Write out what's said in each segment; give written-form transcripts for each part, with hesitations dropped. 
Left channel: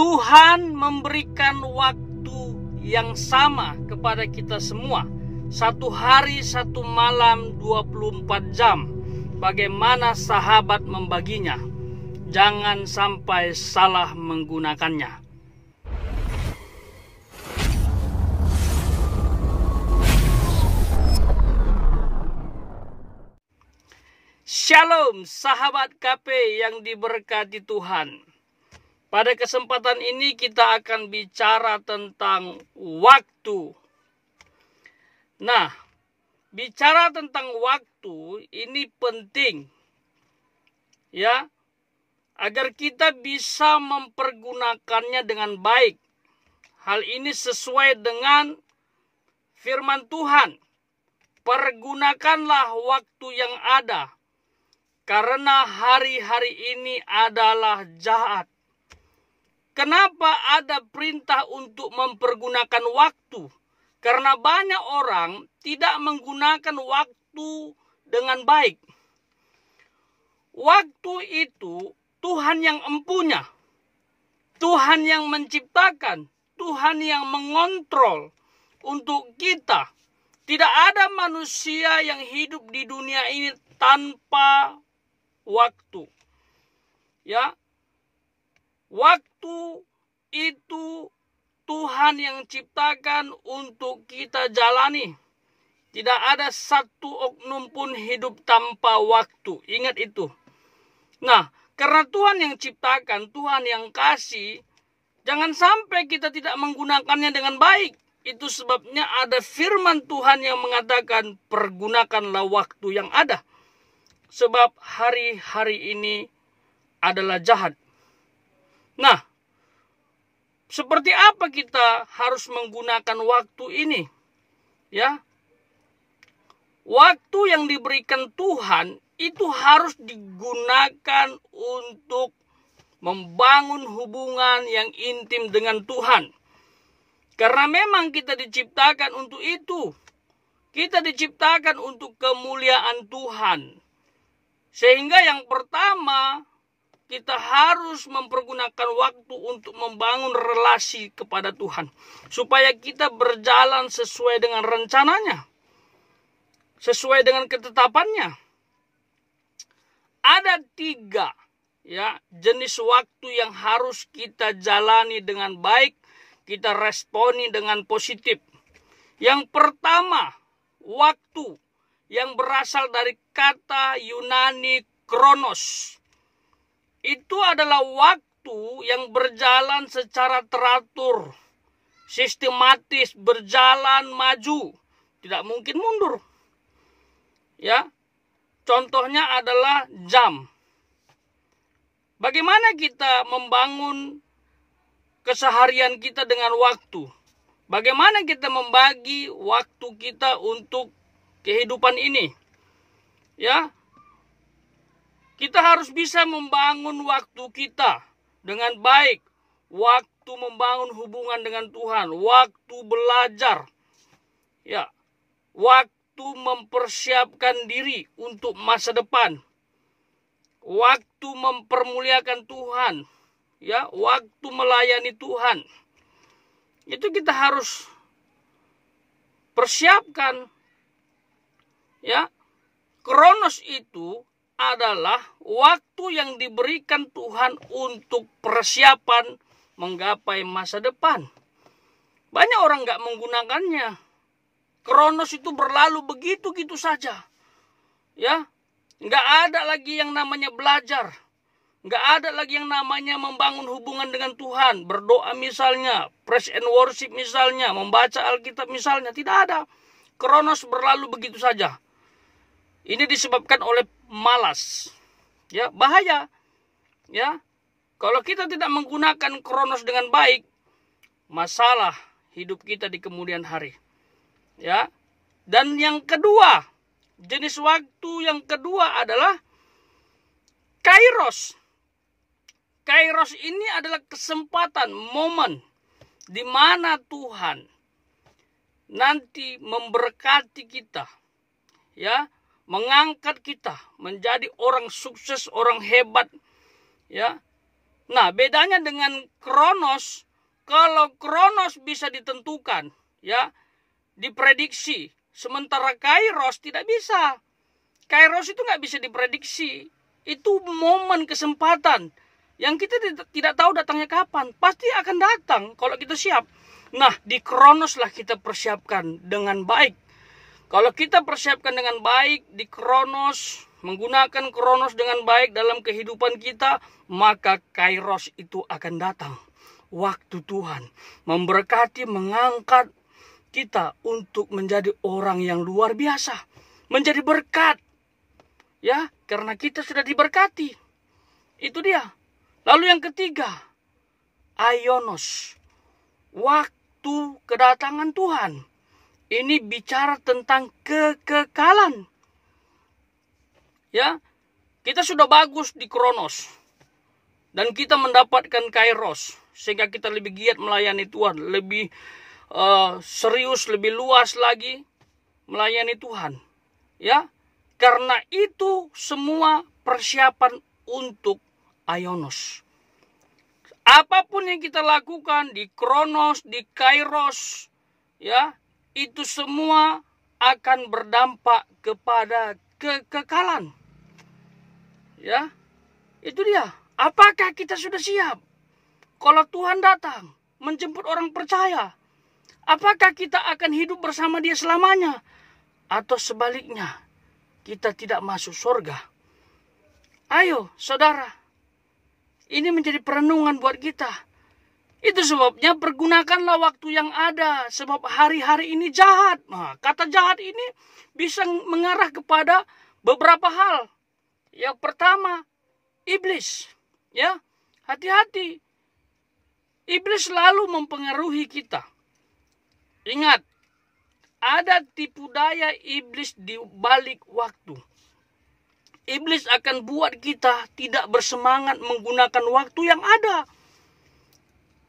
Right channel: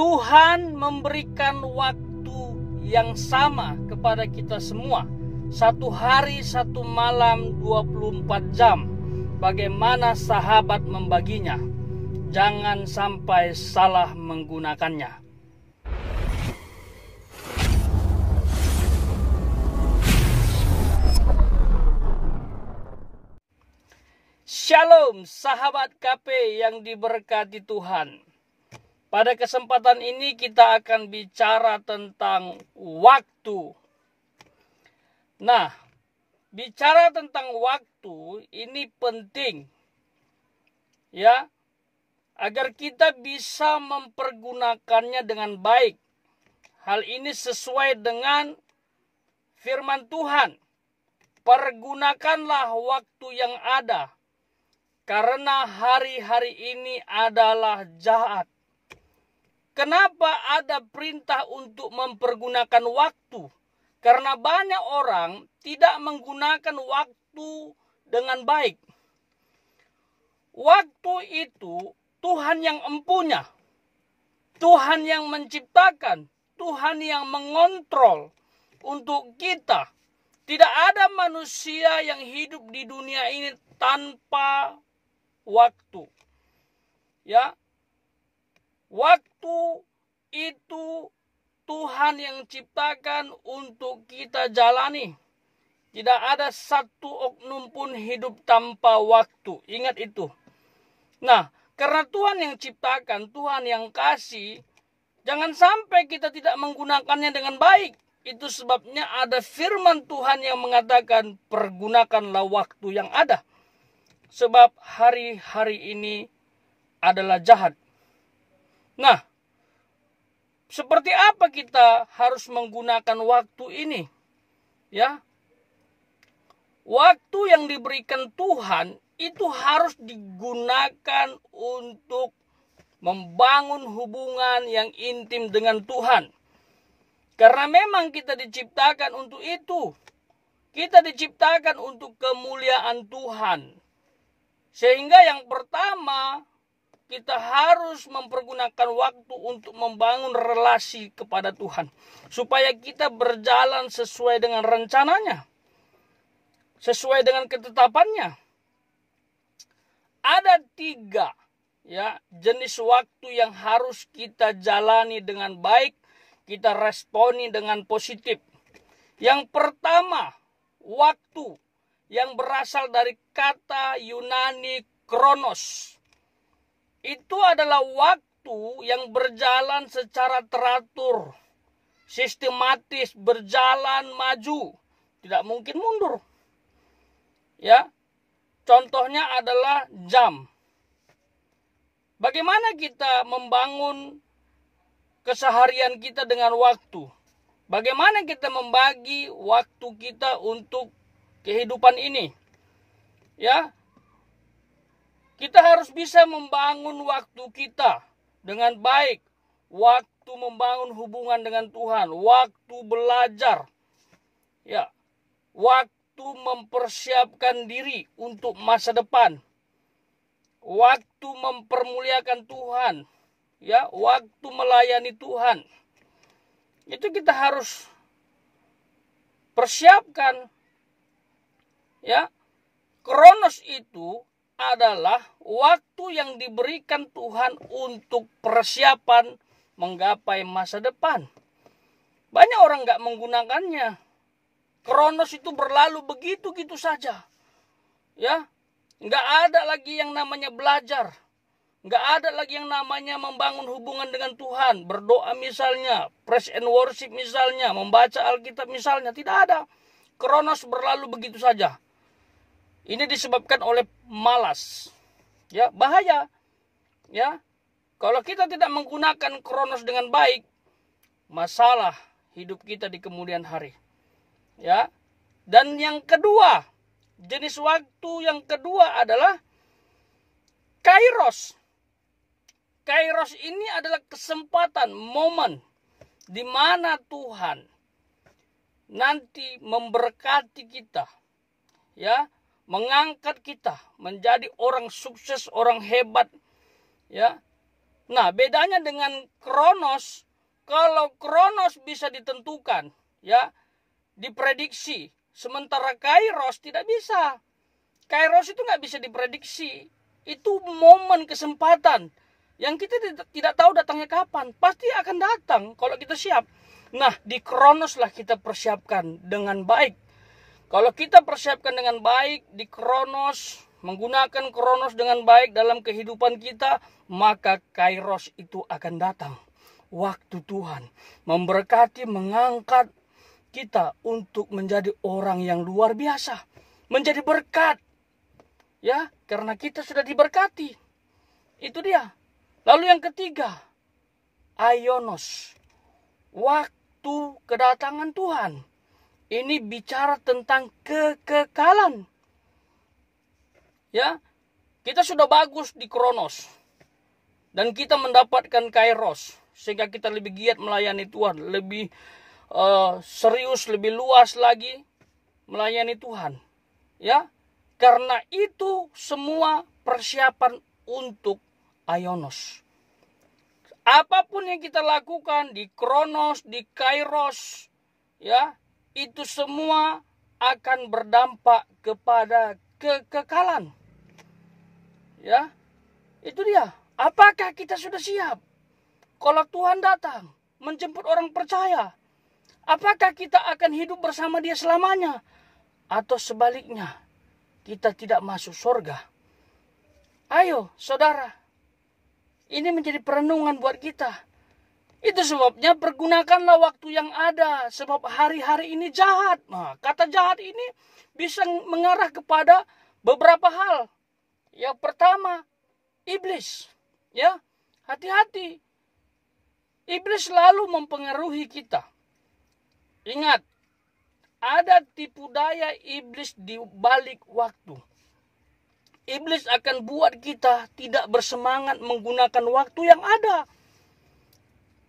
Tuhan memberikan waktu yang sama kepada kita semua. 1 hari 1 malam 24 jam. Bagaimana sahabat membaginya? Jangan sampai salah menggunakannya. Shalom sahabat KP yang diberkati Tuhan. Pada kesempatan ini kita akan bicara tentang waktu. Nah, bicara tentang waktu ini penting ya, agar kita bisa mempergunakannya dengan baik. Hal ini sesuai dengan firman Tuhan. Pergunakanlah waktu yang ada, karena hari-hari ini adalah jahat. Kenapa ada perintah untuk mempergunakan waktu? Karena banyak orang tidak menggunakan waktu dengan baik. Waktu itu Tuhan yang empunya, Tuhan yang menciptakan, Tuhan yang mengontrol untuk kita. Tidak ada manusia yang hidup di dunia ini tanpa waktu. Ya. Waktu itu Tuhan yang ciptakan untuk kita jalani. Tidak ada satu oknum pun hidup tanpa waktu. Ingat itu. Nah, karena Tuhan yang ciptakan, Tuhan yang kasih, jangan sampai kita tidak menggunakannya dengan baik. Itu sebabnya ada firman Tuhan yang mengatakan, pergunakanlah waktu yang ada. Sebab hari-hari ini adalah jahat. Nah, seperti apa kita harus menggunakan waktu ini? Ya. Waktu yang diberikan Tuhan itu harus digunakan untuk membangun hubungan yang intim dengan Tuhan. Karena memang kita diciptakan untuk itu. Kita diciptakan untuk kemuliaan Tuhan. Sehingga yang pertama, kita harus mempergunakan waktu untuk membangun relasi kepada Tuhan. Supaya kita berjalan sesuai dengan rencananya. Sesuai dengan ketetapannya. Ada 3 ya, jenis waktu yang harus kita jalani dengan baik. Kita responi dengan positif. Yang pertama, waktu yang berasal dari kata Yunani kronos. Itu adalah waktu yang berjalan secara teratur, sistematis, berjalan maju, tidak mungkin mundur. Ya, contohnya adalah jam. Bagaimana kita membangun keseharian kita dengan waktu? Bagaimana kita membagi waktu kita untuk kehidupan ini? Ya. Kita harus bisa membangun waktu kita dengan baik. Waktu membangun hubungan dengan Tuhan. Waktu belajar. Ya. Waktu mempersiapkan diri untuk masa depan. Waktu mempermuliakan Tuhan. Ya. Waktu melayani Tuhan. Itu kita harus persiapkan. Ya. Kronos itu adalah waktu yang diberikan Tuhan untuk persiapan menggapai masa depan. Banyak orang gak menggunakannya. Kronos itu berlalu begitu-gitu saja. Ya, gak ada lagi yang namanya belajar. Gak ada lagi yang namanya membangun hubungan dengan Tuhan. Berdoa misalnya, praise and worship misalnya, membaca Alkitab misalnya. Tidak ada. Kronos berlalu begitu saja. Ini disebabkan oleh malas. Ya, bahaya. Ya. Kalau kita tidak menggunakan kronos dengan baik, masalah hidup kita di kemudian hari. Ya. Dan yang kedua, jenis waktu yang kedua adalah kairos. Kairos ini adalah kesempatan, momen di mana Tuhan nanti memberkati kita. Ya. Mengangkat kita menjadi orang sukses, orang hebat, ya, Nah, bedanya dengan kronos, kalau kronos bisa ditentukan, ya, diprediksi, sementara kairos tidak bisa. Kairos itu nggak bisa diprediksi. Itu momen kesempatan yang kita tidak tahu datangnya kapan. Pasti akan datang kalau kita siap. Nah, di kronos lah kita persiapkan dengan baik. Kalau kita persiapkan dengan baik di kronos, menggunakan kronos dengan baik dalam kehidupan kita, maka kairos itu akan datang. Waktu Tuhan memberkati, mengangkat kita untuk menjadi orang yang luar biasa, menjadi berkat. Ya, karena kita sudah diberkati. Itu dia. Lalu yang ketiga, Aionos. Waktu kedatangan Tuhan. Ini bicara tentang kekekalan. Ya, kita sudah bagus di kronos. Dan kita mendapatkan kairos. Sehingga kita lebih giat melayani Tuhan. Lebih serius, lebih luas lagi melayani Tuhan. Ya, karena itu semua persiapan untuk Aionos. Apapun yang kita lakukan di kronos, di kairos, ya, itu semua akan berdampak kepada kekekalan. Ya, itu dia. Apakah kita sudah siap? Kalau Tuhan datang menjemput orang percaya, apakah kita akan hidup bersama Dia selamanya? Atau sebaliknya, kita tidak masuk surga? Ayo, saudara, ini menjadi perenungan buat kita. Itu sebabnya pergunakanlah waktu yang ada, sebab hari-hari ini jahat. Nah, kata jahat ini bisa mengarah kepada beberapa hal. Yang pertama, iblis. Ya, hati-hati. Iblis selalu mempengaruhi kita. Ingat, ada tipu daya iblis di balik waktu. Iblis akan buat kita tidak bersemangat menggunakan waktu yang ada.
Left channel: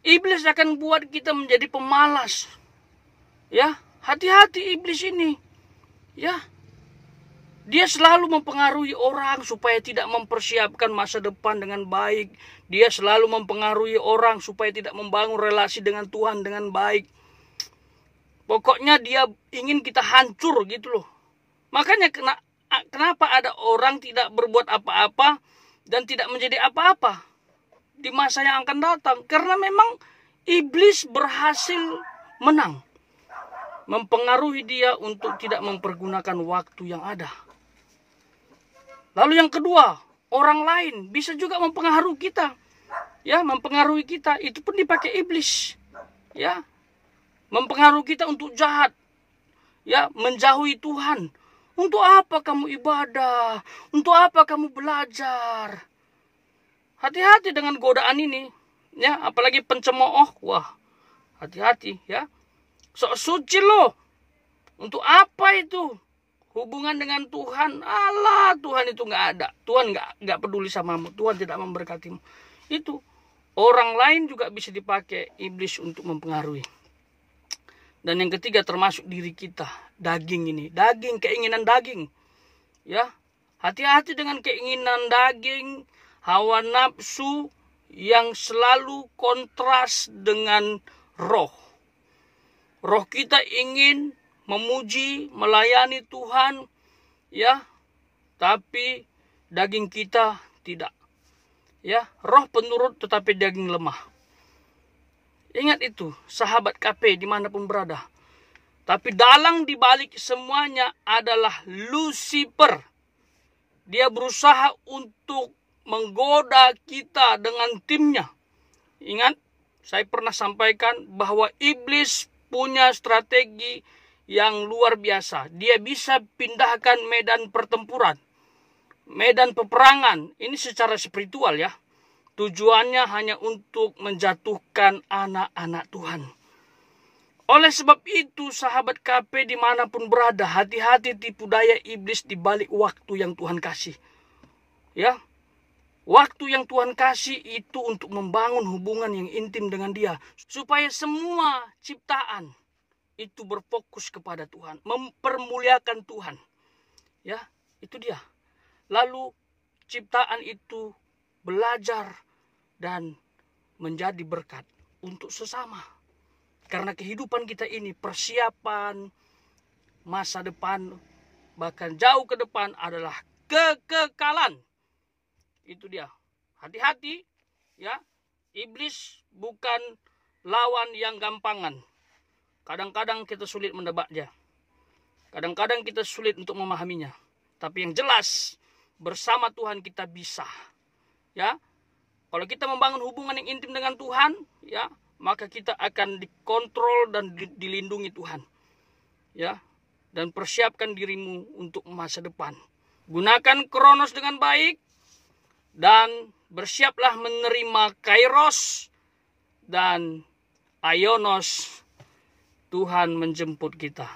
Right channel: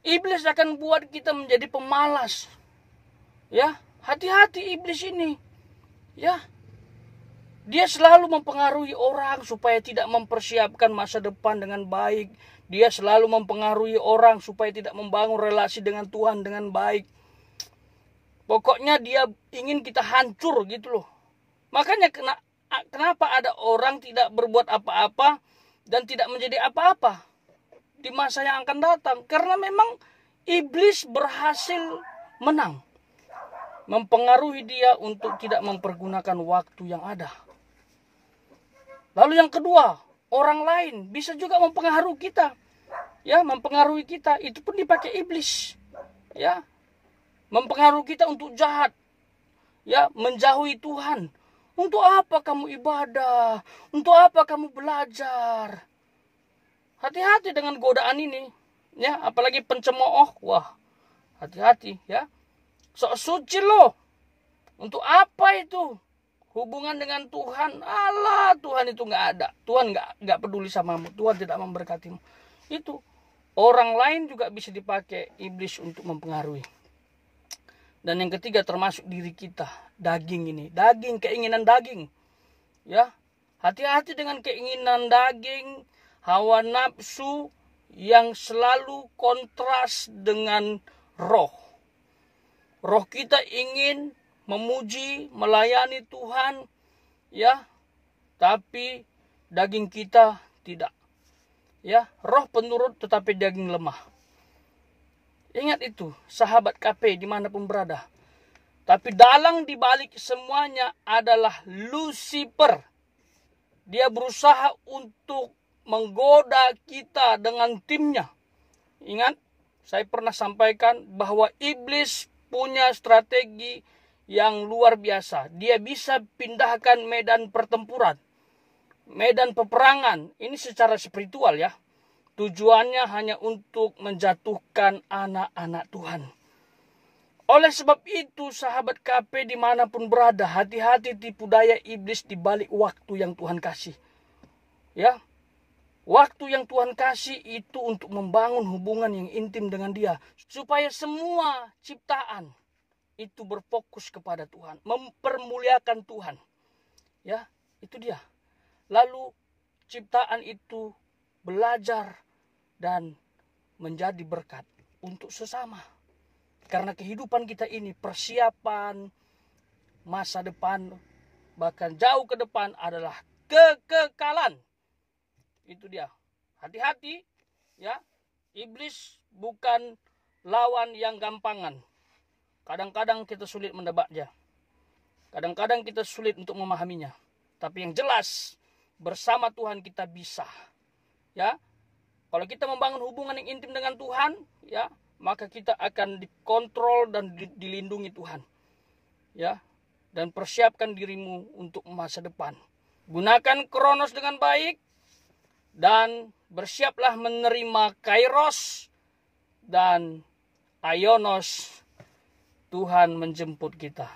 Iblis akan buat kita menjadi pemalas. Ya, hati-hati iblis ini. Ya. Dia selalu mempengaruhi orang supaya tidak mempersiapkan masa depan dengan baik. Dia selalu mempengaruhi orang supaya tidak membangun relasi dengan Tuhan dengan baik. Pokoknya dia ingin kita hancur gitu loh. Makanya kenapa ada orang tidak berbuat apa-apa dan tidak menjadi apa-apa di masa yang akan datang. Karena memang iblis berhasil menang. Mempengaruhi dia untuk tidak mempergunakan waktu yang ada. Lalu yang kedua, orang lain bisa juga mempengaruhi kita. Ya, mempengaruhi kita. Itu pun dipakai iblis. Ya, mempengaruhi kita untuk jahat. Ya, menjauhi Tuhan. Untuk apa kamu ibadah? Untuk apa kamu belajar? Hati-hati dengan godaan ini. Ya, apalagi pencemooh. Wah, hati-hati ya. Sok suci loh. Untuk apa itu? Hubungan dengan Tuhan. Allah, Tuhan itu nggak ada. Tuhan nggak peduli samamu. Tuhan tidak memberkatimu. Itu. Orang lain juga bisa dipakai iblis untuk mempengaruhi. Dan yang ketiga termasuk diri kita. Daging ini. Daging, keinginan daging. Ya. Hati-hati dengan keinginan daging. Hawa nafsu yang selalu kontras dengan roh. Roh kita ingin memuji, melayani Tuhan. Ya. Tapi daging kita tidak. Ya. Roh penurut tetapi daging lemah. Ingat itu, sahabat KP dimanapun berada. Tapi dalang dibalik semuanya adalah Lucifer. Dia berusaha untuk menggoda kita dengan timnya. Ingat, saya pernah sampaikan bahwa iblis punya strategi yang luar biasa. Dia bisa pindahkan medan pertempuran, medan peperangan. Ini secara spiritual ya. Tujuannya hanya untuk menjatuhkan anak-anak Tuhan. Oleh sebab itu, sahabat KP dimanapun berada, hati-hati tipu daya iblis di balik waktu yang Tuhan kasih. Ya, waktu yang Tuhan kasih itu untuk membangun hubungan yang intim dengan Dia, supaya semua ciptaan itu berfokus kepada Tuhan, mempermuliakan Tuhan. Ya, itu dia. Lalu ciptaan itu belajar dan menjadi berkat untuk sesama. Karena kehidupan kita ini persiapan masa depan, bahkan jauh ke depan adalah kekekalan. Itu dia. Hati-hati ya. Iblis bukan lawan yang gampangan. Kadang-kadang kita sulit menebaknya. Kadang-kadang kita sulit untuk memahaminya. Tapi yang jelas bersama Tuhan kita bisa. Ya. Kalau kita membangun hubungan yang intim dengan Tuhan, ya, maka kita akan dikontrol dan dilindungi Tuhan. Ya. Dan persiapkan dirimu untuk masa depan. Gunakan Kronos dengan baik dan bersiaplah menerima Kairos dan Aionos. Tuhan menjemput kita.